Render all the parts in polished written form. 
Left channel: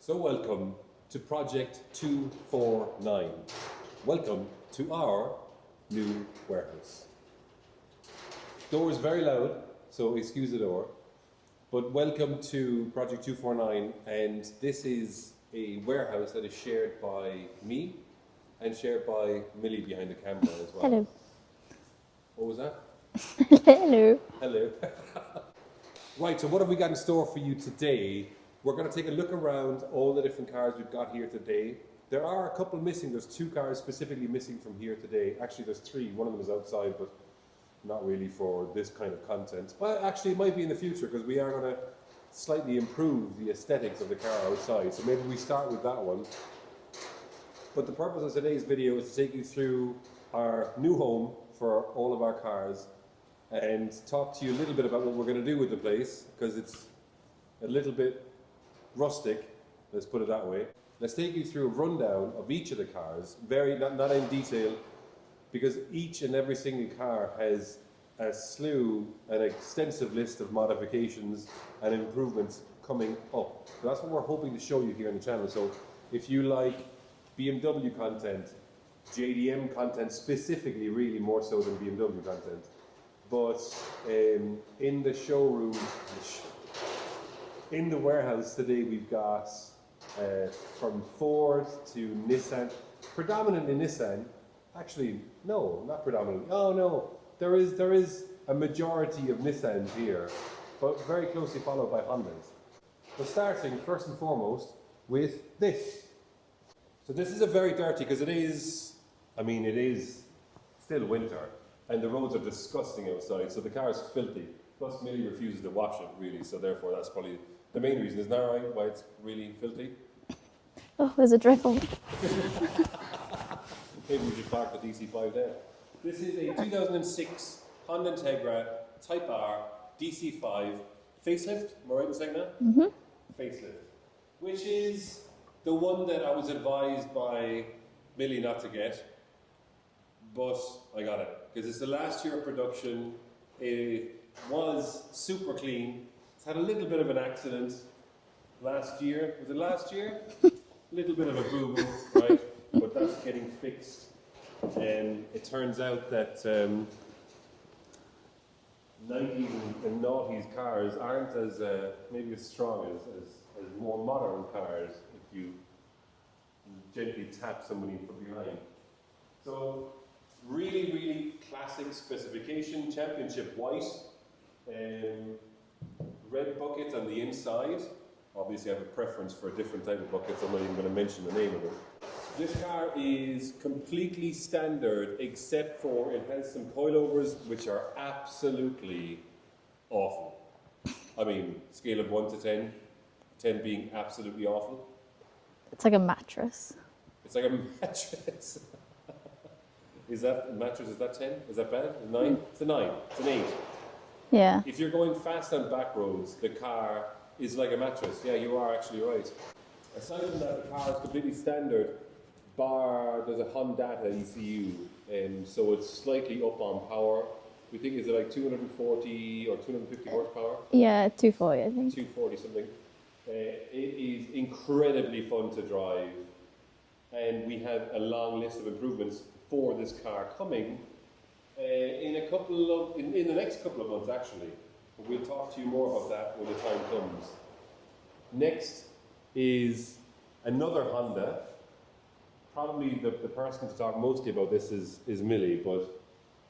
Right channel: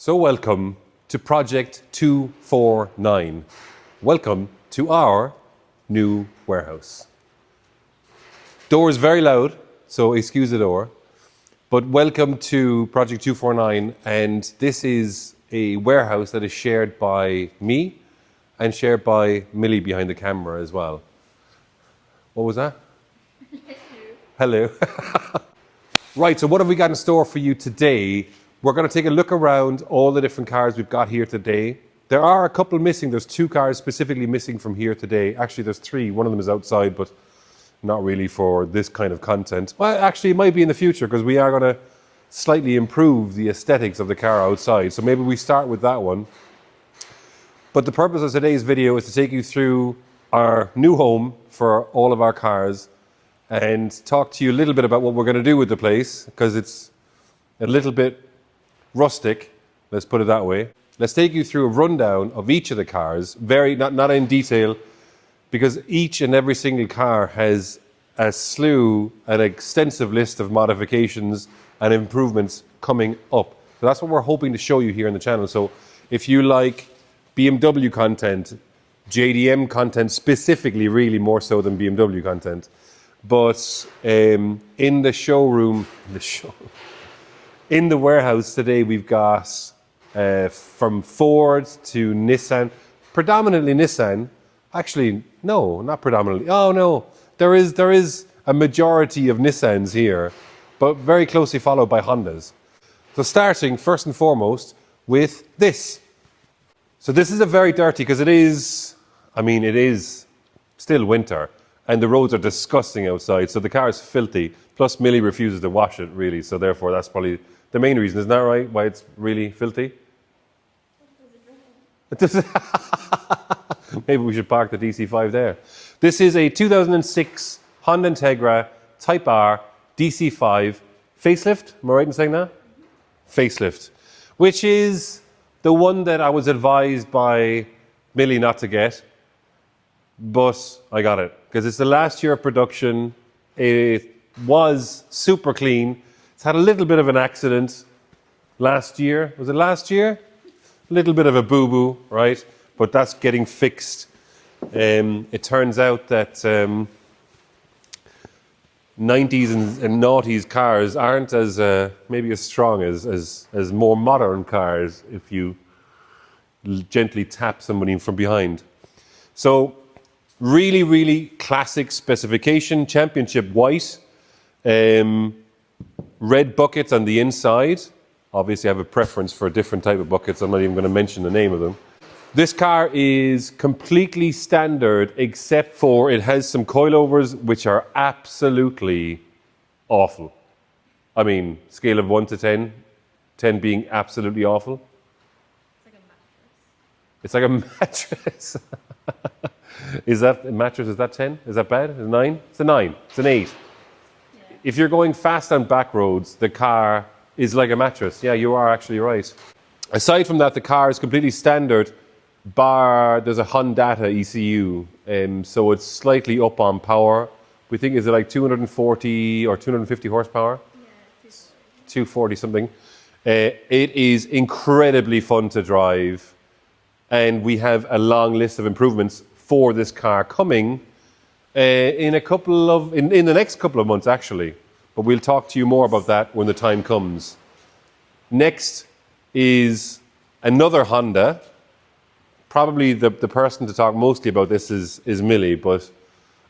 So welcome to Project 249. Welcome to our new warehouse. Door is very loud, so excuse the door. But welcome to Project 249, and this is a warehouse that is shared by me and shared by Millie behind the camera as well. Hello. What was that? Hello. Hello. Right, so what have we got in store for you today? We're going to take a look around all the different cars we've got here today. There are a couple missing. There's 2 cars specifically missing from here today. Actually, there's 3. One of them is outside, but not really for this kind of content. Well, actually, it might be in the future because we are going to slightly improve the aesthetics of the car outside. So maybe we start with that one. But the purpose of today's video is to take you through our new home for all of our cars and talk to you a little bit about what we're going to do with the place, because it's a little bit rustic, let's put it that way. Let's take you through a rundown of each of the cars, not in detail, because each and every single car has an extensive list of modifications and improvements coming up. So that's what we're hoping to show you here on the channel. So if you like BMW content, JDM content specifically, really more so than BMW content, but in the showroom, in the warehouse today, we've got from Ford to Nissan, predominantly Nissan. Actually, no, not predominantly. Oh no, there is a majority of Nissans here, but very closely followed by Hondas. So starting first and foremost with this. So this is a very dirty, because it is still winter and the roads are disgusting outside. So the car is filthy. Plus Millie refuses to wash it really. So therefore that's probably the main reason. Isn't that right? Why it's really filthy? Oh, there's a drizzle. Maybe we should park the DC5 there. This is a 2006 Honda Integra Type R DC5 facelift. Am I right in saying that? Mm-hmm. Facelift, which is the one that I was advised by Millie not to get, but I got it because it's the last year of production. It was super clean. It's had a little bit of an accident last year. Was it last year? A little bit of a boo-boo, right? But that's getting fixed. It turns out that 90s and noughties cars aren't as maybe as strong as more modern cars if you gently tap somebody from behind. So really, really classic specification, championship white. Red buckets on the inside. Obviously, I have a preference for a different type of buckets. I'm not even going to mention the name of them. This car is completely standard, except for it has some coilovers which are absolutely awful. I mean, scale of 1 to 10, 10 being absolutely awful. It's like a mattress. It's like a mattress. Is that a mattress? Is that 10? Is that bad? Is it 9? It's a 9. It's an 8. Yeah. If you're going fast on back roads, the car is like a mattress. Yeah, you are actually right. Aside from that, the car is completely standard, bar there's a Hondata ECU, so it's slightly up on power. We think, is it like 240 or 250 horsepower? Yeah, 240, I think. 240 something. It is incredibly fun to drive, and we have a long list of improvements for this car coming in the next couple of months, actually. But we'll talk to you more about that when the time comes. Next is another Honda. Probably the person to talk mostly about this is Millie, but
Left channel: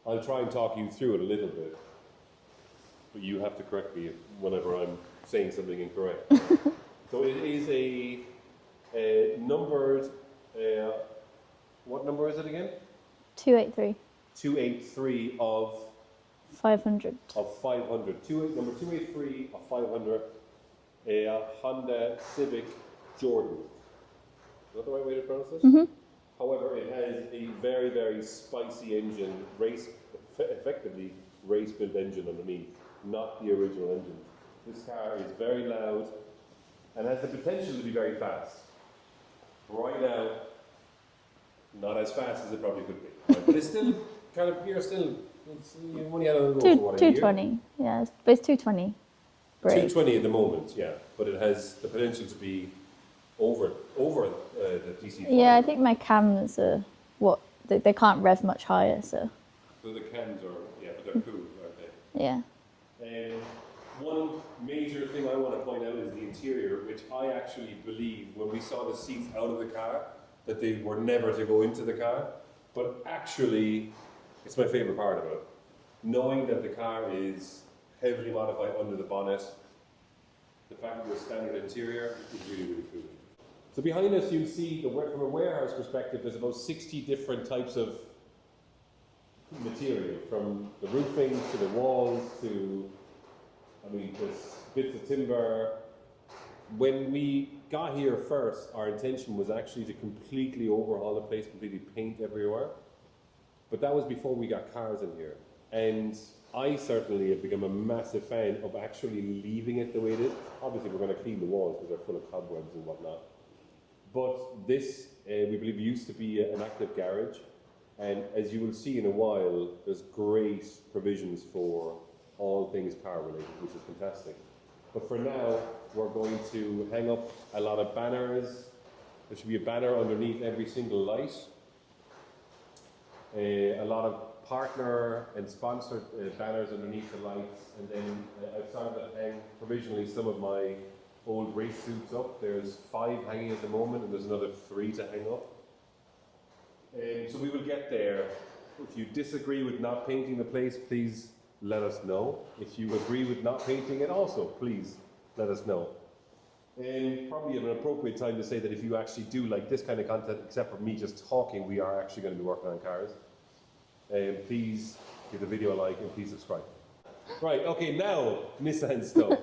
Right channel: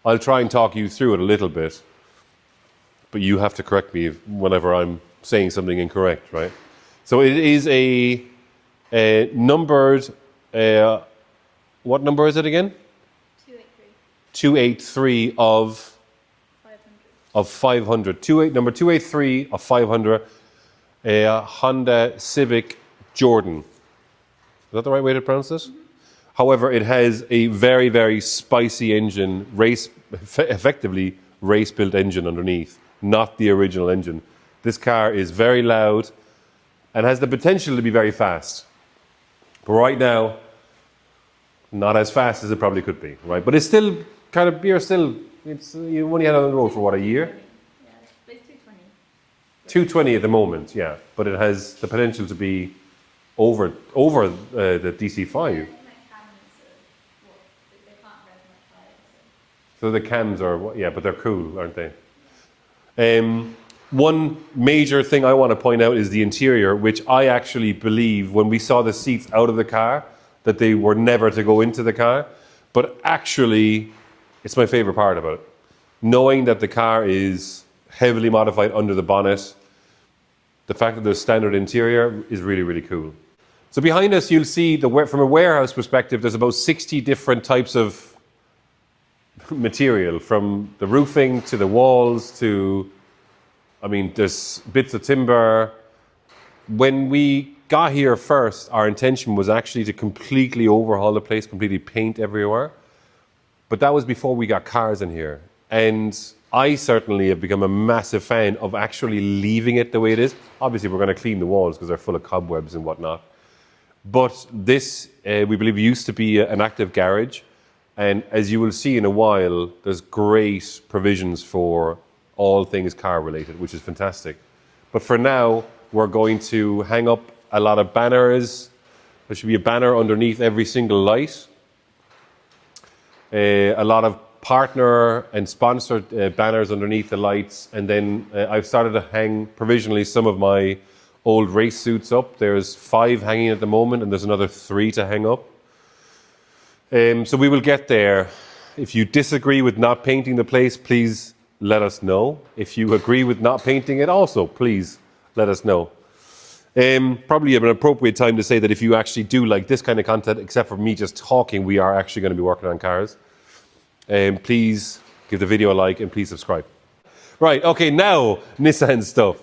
I'll try and talk you through it a little bit. But you have to correct me whenever I'm saying something incorrect, right? So it is a numbered, what number is it again? 283. 283 of 500. Of 500. Number 283 of 500, a Honda Civic Jordan. Is that the right way to pronounce this? Mm-hmm. However, it has a very, very spicy engine, effectively race-built engine underneath, not the original engine. This car is very loud and has the potential to be very fast. But right now, not as fast as it probably could be, right? But it's still kind of, you only had it on the road for what, a year? 220, yeah, it's 220. 220 at the moment, yeah. But it has the potential to be over the DC5. Yeah, I think my cams are they can't rev much higher, so So the cams are, yeah, but they're cool, aren't they? yeah. One major thing I want to point out is the interior, which I actually believe when we saw the seats out of the car, that they were never to go into the car. But actually, it's my favorite part about it. Knowing that the car is heavily modified under the bonnet, the fact that there's standard interior is really, really cool. So behind us, you'll see, from a warehouse perspective, there's about 60 different types of material, from the roofing to the walls to, I mean, there's bits of timber. When we got here first, our intention was actually to completely overhaul the place, completely paint everywhere. But that was before we got cars in here. And I certainly have become a massive fan of actually leaving it the way it is. Obviously, we're going to clean the walls because they're full of cobwebs and whatnot. But this, we believe, used to be an active garage. And as you will see in a while, there's great provisions for all things car related, which is fantastic. But for now, we're going to hang up a lot of banners. There should be a banner underneath every single light. A lot of partner and sponsored banners underneath the lights. And then I've started to hang provisionally some of my old race suits up. There's 5 hanging at the moment, and there's another 3 to hang up. So we will get there. If you disagree with not painting the place, please let us know. If you agree with not painting it also, please let us know. Probably an appropriate time to say that if you actually do like this kind of content, except for me just talking, we are actually going to be working on cars. Please give the video a like and please subscribe. Right, okay, now Nissan stuff.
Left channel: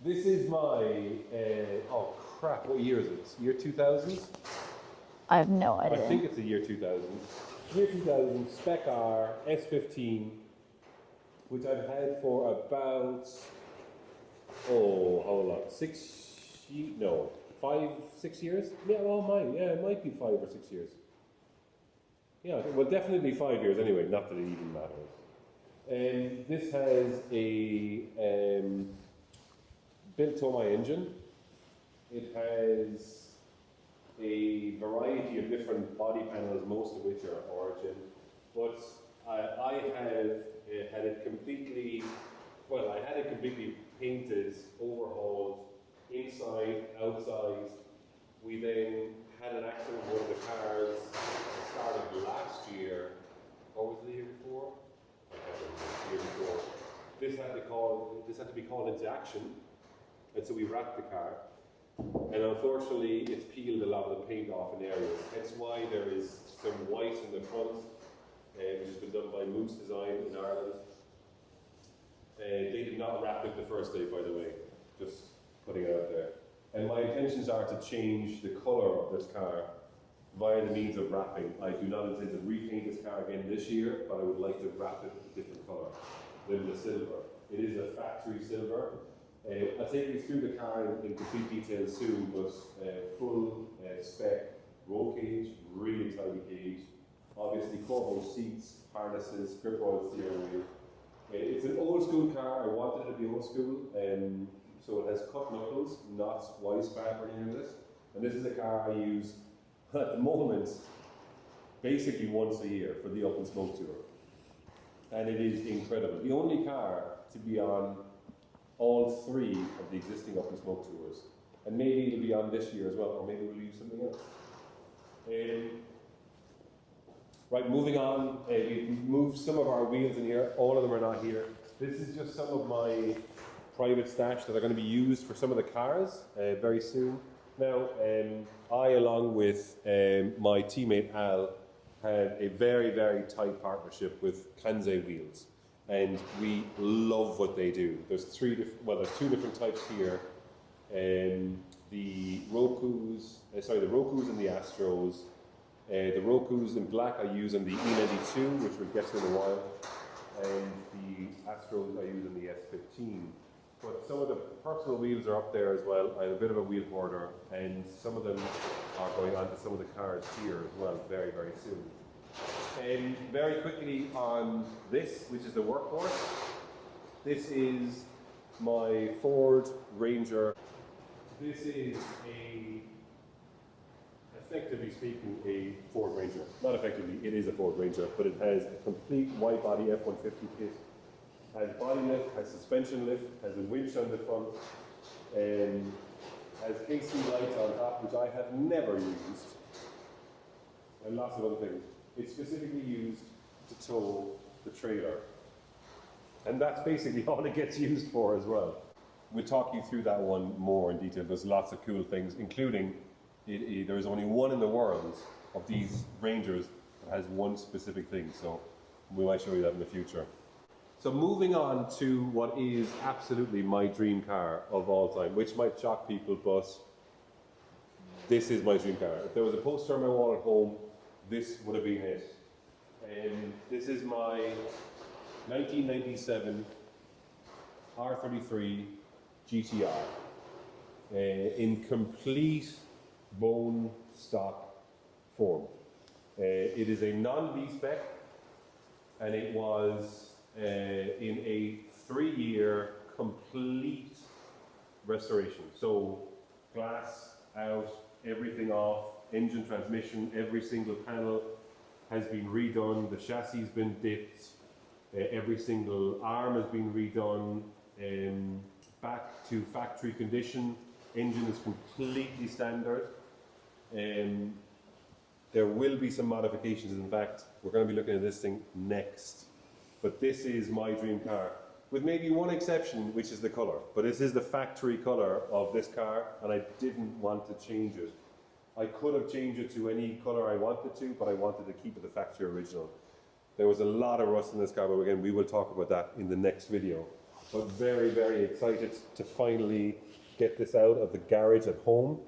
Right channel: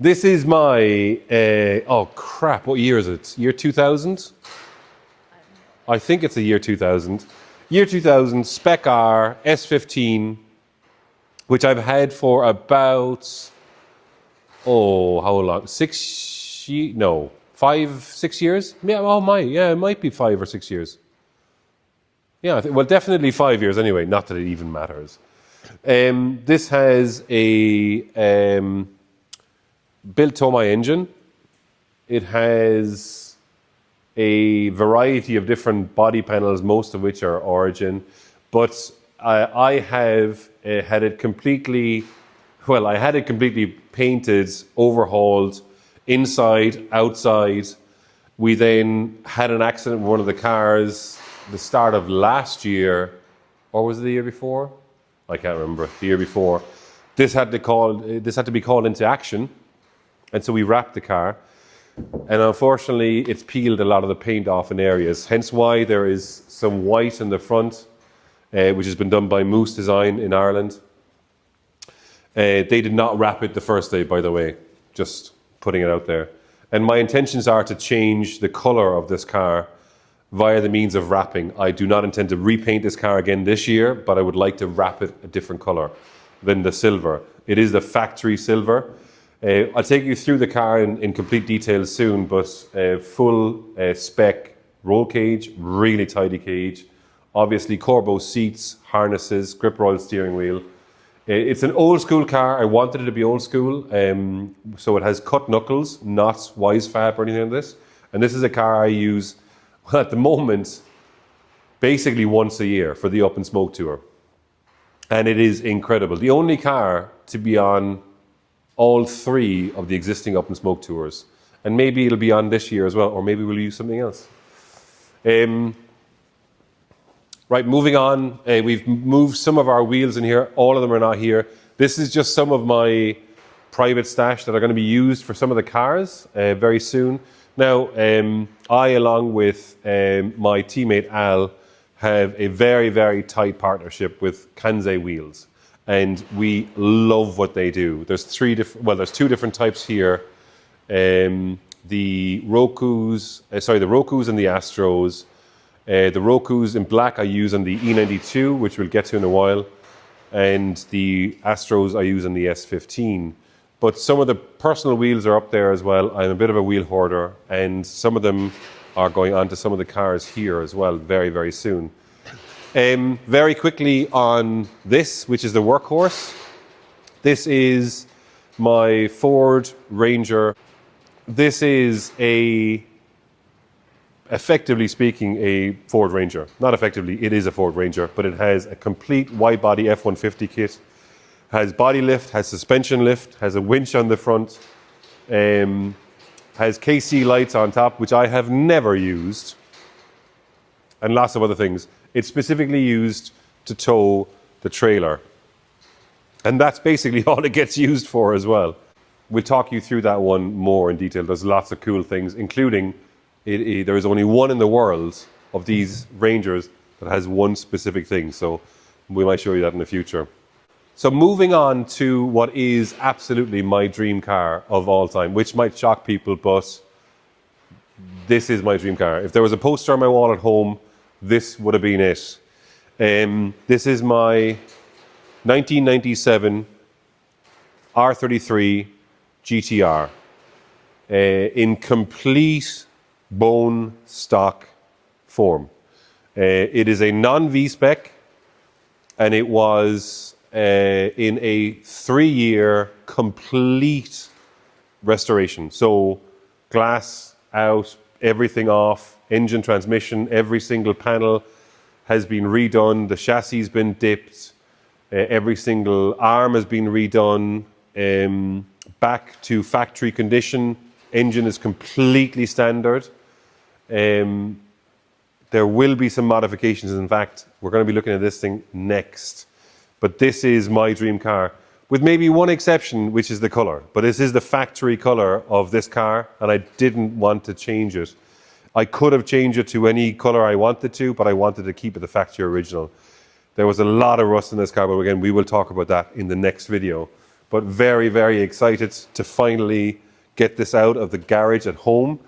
This is my, oh crap, what year is it? Year 2000? I have no idea. I think it's the year 2000. Year 2000, Spec R, S15, which I've had for about, how long? 5, 6 years? Yeah, it might be 5 or 6 years. Yeah, well, definitely 5 years anyway, not that it even matters. This has a built Tomei engine. It has a variety of different body panels, most of which are Origin. But I have had it completely, I had it completely painted, overhauled, inside, outside. We then had an accident with one of the cars the start of last year, or was it the year before? I can't remember, the year before. This had to be called into action, and so we wrapped the car. And unfortunately, it's peeled a lot of the paint off in areas, hence why there is some white in the front, which has been done by Moose Design in Ireland. They did not wrap it the first day, by the way, just putting it out there. And my intentions are to change the color of this car via the means of wrapping. I do not intend to repaint this car again this year, but I would like to wrap it a different color than the silver. It is the factory silver. I'll take you through the car in complete detail soon, but full spec roll cage, really tidy cage. Obviously Corbeau seats, harnesses, grip roll steering wheel. It's an old school car. I wanted it to be old school. So it has cut knuckles, not wise fab or anything like this. And this is a car I use at the moment, basically once a year for the Up and Smoke tour. And it is incredible. The only car to be on all 3 of the existing Up and Smoke tours. And maybe it'll be on this year as well, or maybe we'll use something else. Right, moving on. We've moved some of our wheels in here. All of them are not here. This is just some of my private stash that are going to be used for some of the cars very soon. Now, I, along with my teammate Al, have a very, very tight partnership with Kansei Wheels. And we love what they do. There's 2 different types here. The Rokus and the Astros. The Rokus in black I use on the E92, which we'll get to in a while. And the Astros I use on the S15. But some of the personal wheels are up there as well. I'm a bit of a wheel hoarder, and some of them are going onto some of the cars here as well very, very soon. Very quickly on this, which is the workhorse. This is my Ford Ranger. This is a effectively speaking, a Ford Ranger. Not effectively, it is a Ford Ranger, but it has a complete wide-body F-150 kit, has body lift, has suspension lift, has a winch on the front, has KC lights on top, which I have never used, and lots of other things. It's specifically used to tow the trailer. And that's basically all it gets used for as well. We'll talk you through that one more in detail. There's lots of cool things, including there is only one in the world of these Rangers that has one specific thing. So we might show you that in the future. So moving on to what is absolutely my dream car of all time, which might shock people, but this is my dream car. If there was a poster on my wall at home, this would have been it. This is my 1997 R33 GTR in complete bone stock form. It is a non-V-spec, and it was in a 3-year complete restoration. So glass out, everything off, engine, transmission, every single panel has been redone, the chassis has been dipped, every single arm has been redone, back to factory condition, engine is completely standard. There will be some modifications. In fact, we're going to be looking at this thing next. But this is my dream car, with maybe one exception, which is the color. But this is the factory color of this car, and I didn't want to change it. I could have changed it to any color I wanted to, but I wanted to keep it the factory original. There was a lot of rust in this car, but again, we will talk about that in the next video. But very, very excited to finally get this out of the garage at home.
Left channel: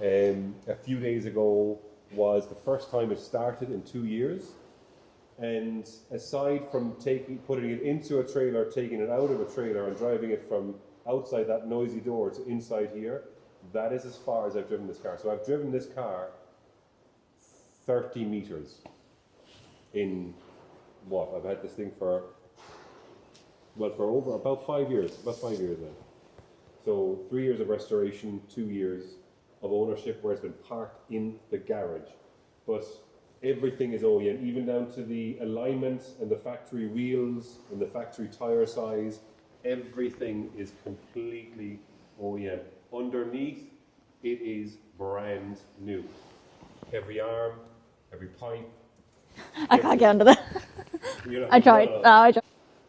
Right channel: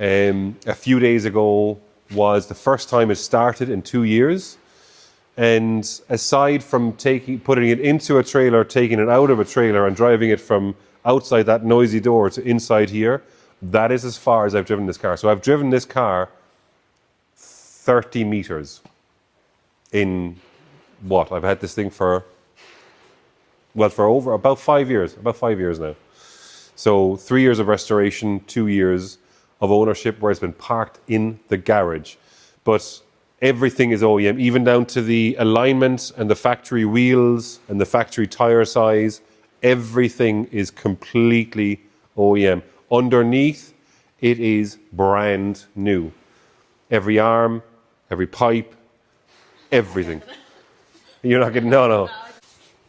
A few days ago was the first time it started in 2 years. And aside from putting it into a trailer, taking it out of a trailer and driving it from outside that noisy door to inside here, that is as far as I've driven this car. So I've driven this car 30 meters in what? I've had this thing for over about 5 years, about 5 years now. So 3 years of restoration, 2 years of ownership where it's been parked in the garage. But everything is OEM, even down to the alignment and the factory wheels and the factory tire size. Everything is completely OEM. Underneath, it is brand new. Every arm, every pipe, I everything. can't get under that. You're not I getting, tried. no. I tried.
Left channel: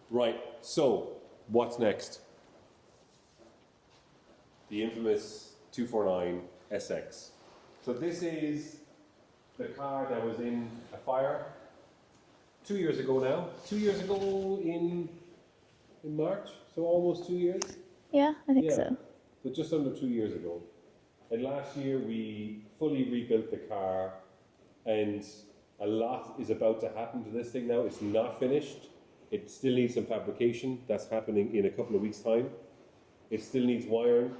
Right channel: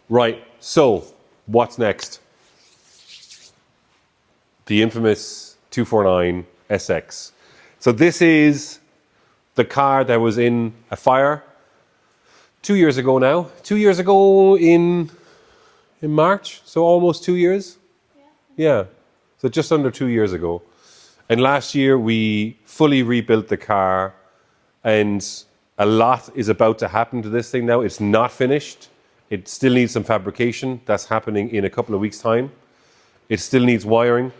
Right, so what's next? The infamous 249 SX. So this is the car that was in a fire 2 years ago now. 2 years ago in March, so almost 2 years. Yeah, I think Yeah, so. so just under 2 years ago. And last year we fully rebuilt the car, and a lot is about to happen to this thing now. It's not finished. It still needs some fabrication. That's happening in a couple of weeks' time. It still needs wiring,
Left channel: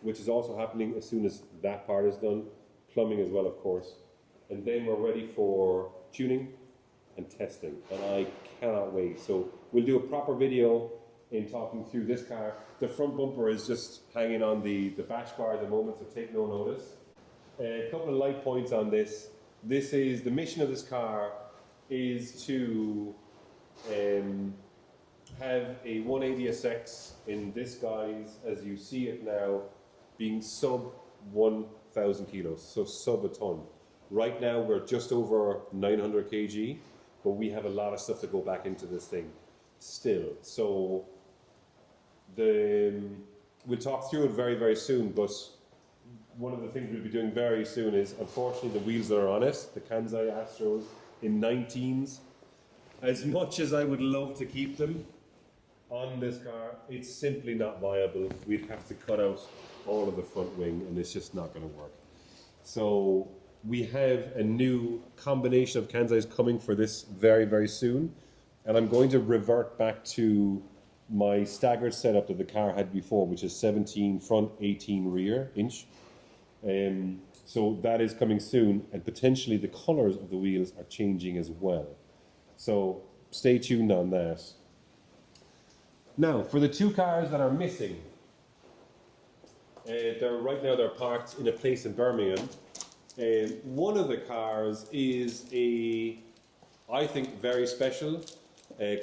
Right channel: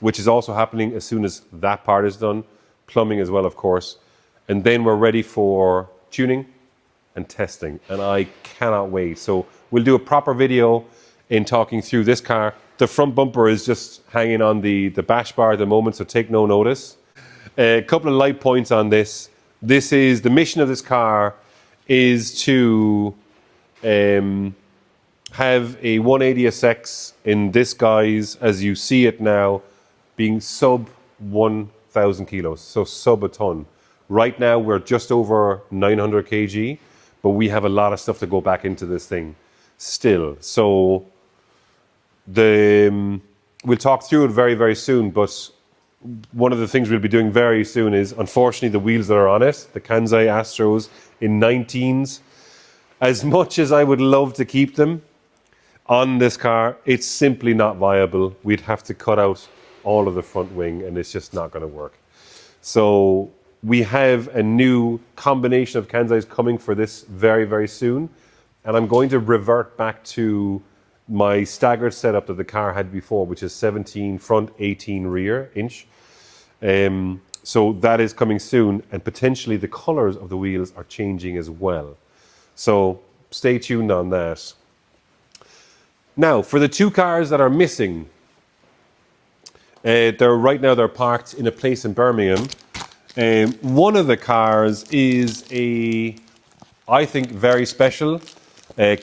which is also happening as soon as that part is done. Plumbing as well, of course. And then we're ready for tuning and testing, and I cannot wait. So we'll do a proper video in talking through this car. The front bumper is just hanging on the bash bar at the moment, so take no notice. A couple of light points on this. This is the mission of this car is to have a 180SX in this guise, as you see it now, being sub 1,000 kilos, so sub a ton. Right now we're just over 900 kg, but we have a lot of stuff to go back into this thing still. So we'll talk through it very, very soon, but one of the things we'll be doing very soon is, unfortunately, the wheels that are on it, the Kansai Astros in 19s, as much as I would love to keep them on this car, it's simply not viable. We'd have to cut out all of the front wing, and it's just not going to work. So we have a new combination of Kansais coming for this very, very soon, and I'm going to revert back to my staggered setup that the car had before, which is 17 front, 18 rear inch. So that is coming soon, and potentially the colors of the wheels are changing as well. So stay tuned on that. Now, for the two cars that are missing, right now they're parked in a place in Birmingham One of the cars is I think, very special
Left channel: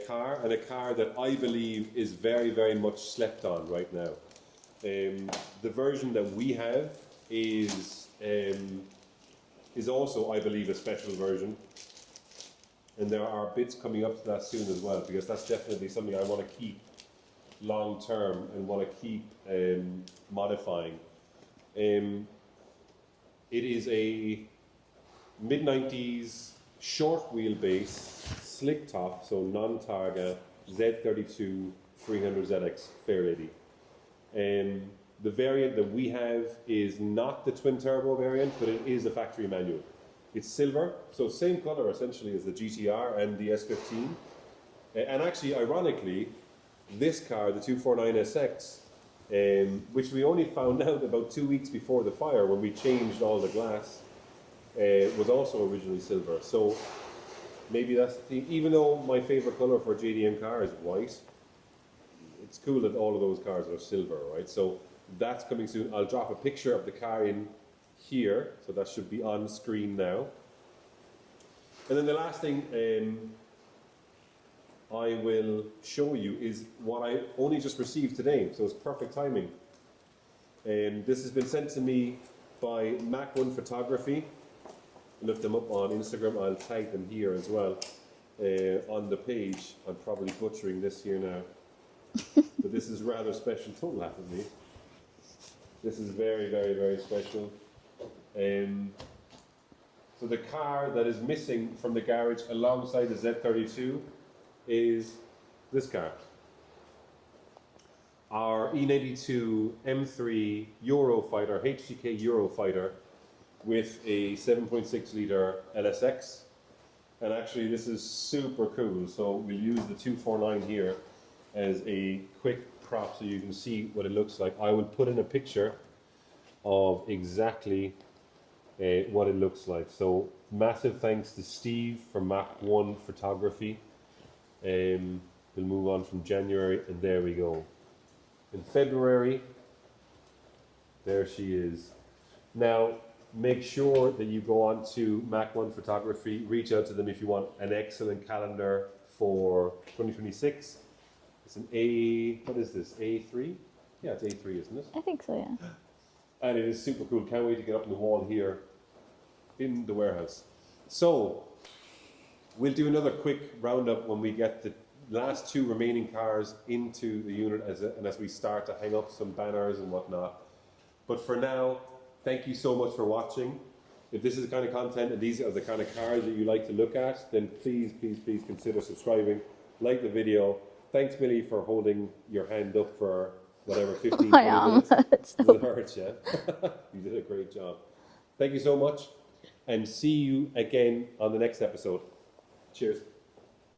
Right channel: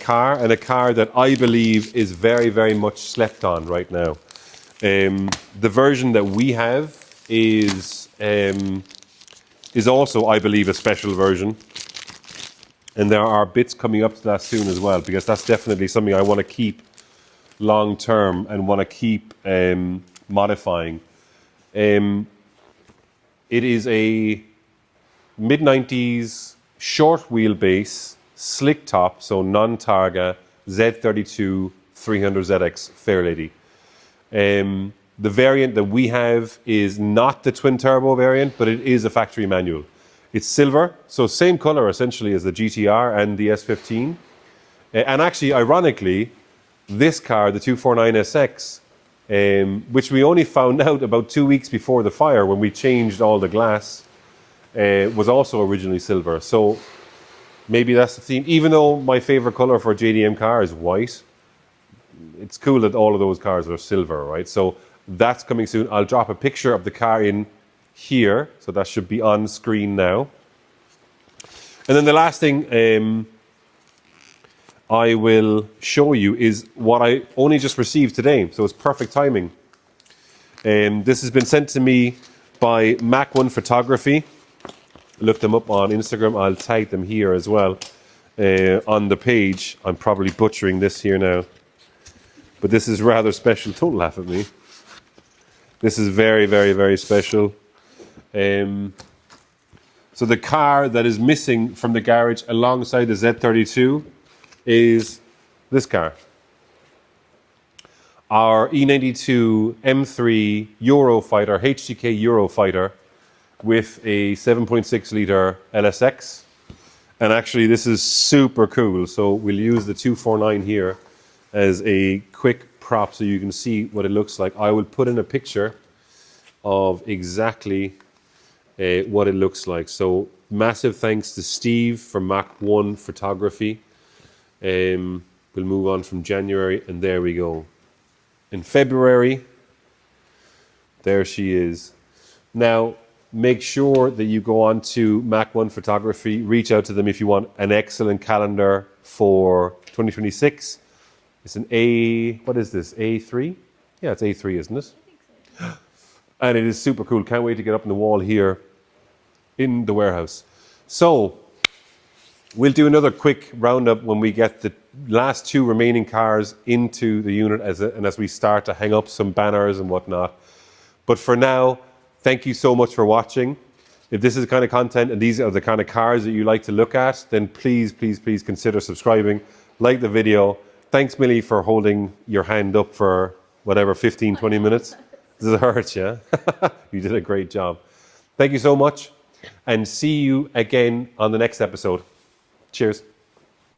car, and a car that I believe is very, very much slept on right now. The version that we have is also, I believe, a special version. And there are bits coming up to that soon as well, because that's definitely something I want to keep long term and want to keep modifying. It is a mid-90s short wheelbase, slick top, so non-Targa, Z32 300ZX Fairlady. The variant that we have is not the twin turbo variant, but it is a factory manual. It's silver, so same color essentially as the GTR and the S15. And actually, ironically, this car, the 249SX, which we only found out about 2 weeks before the fire when we changed all the glass, was also originally silver. So maybe that's the theme. Even though my favorite color for a JDM car is white, it's cool that all of those cars are silver, right? So that's coming soon. I'll drop a picture of the car in here, so that should be on screen now. And then the last thing I will show you is what I only just received today, so it's perfect timing. This has been sent to me by Mach 1 Photography. Look them up on Instagram. I'll tag them here as well on the page. I'm probably butchering this here now, but this is rather special. Don't laugh at me. This is very, very, very special. So the car that is missing from the garage alongside the Z32 is this car. Our E92 M3 Eurofighter, HTK Eurofighter, with a 7.6 litre LSX. And actually this is super cool. So we'll use the 249 here as a quick prop so you can see what it looks like. I will put in a picture of exactly what it looks like. So massive thanks to Steve from Mach 1 Photography. We'll move on from January, and there we go. In February, there she is. Now, make sure that you go on to Mach 1 Photography, reach out to them if you want an excellent calendar for 2026. It's an what is this, A3? Yeah, it's A3, isn't it? I think so, yeah. And it is super cool. Can't wait to get up on the wall here in the warehouse. So, we'll do another quick roundup when we get the last two remaining cars into the unit as we start to hang up some banners and whatnot. But for now, thank you so much for watching. If this is the kind of content and these are the kind of cars that you like to look at, then please, please, please consider subscribing, like the video. Thanks, Millie, for holding your hand up for whatever, 15, 20 minutes. Does it hurt, yeah? You did a great job. Thank you so much, and see you again on the next episode. Cheers.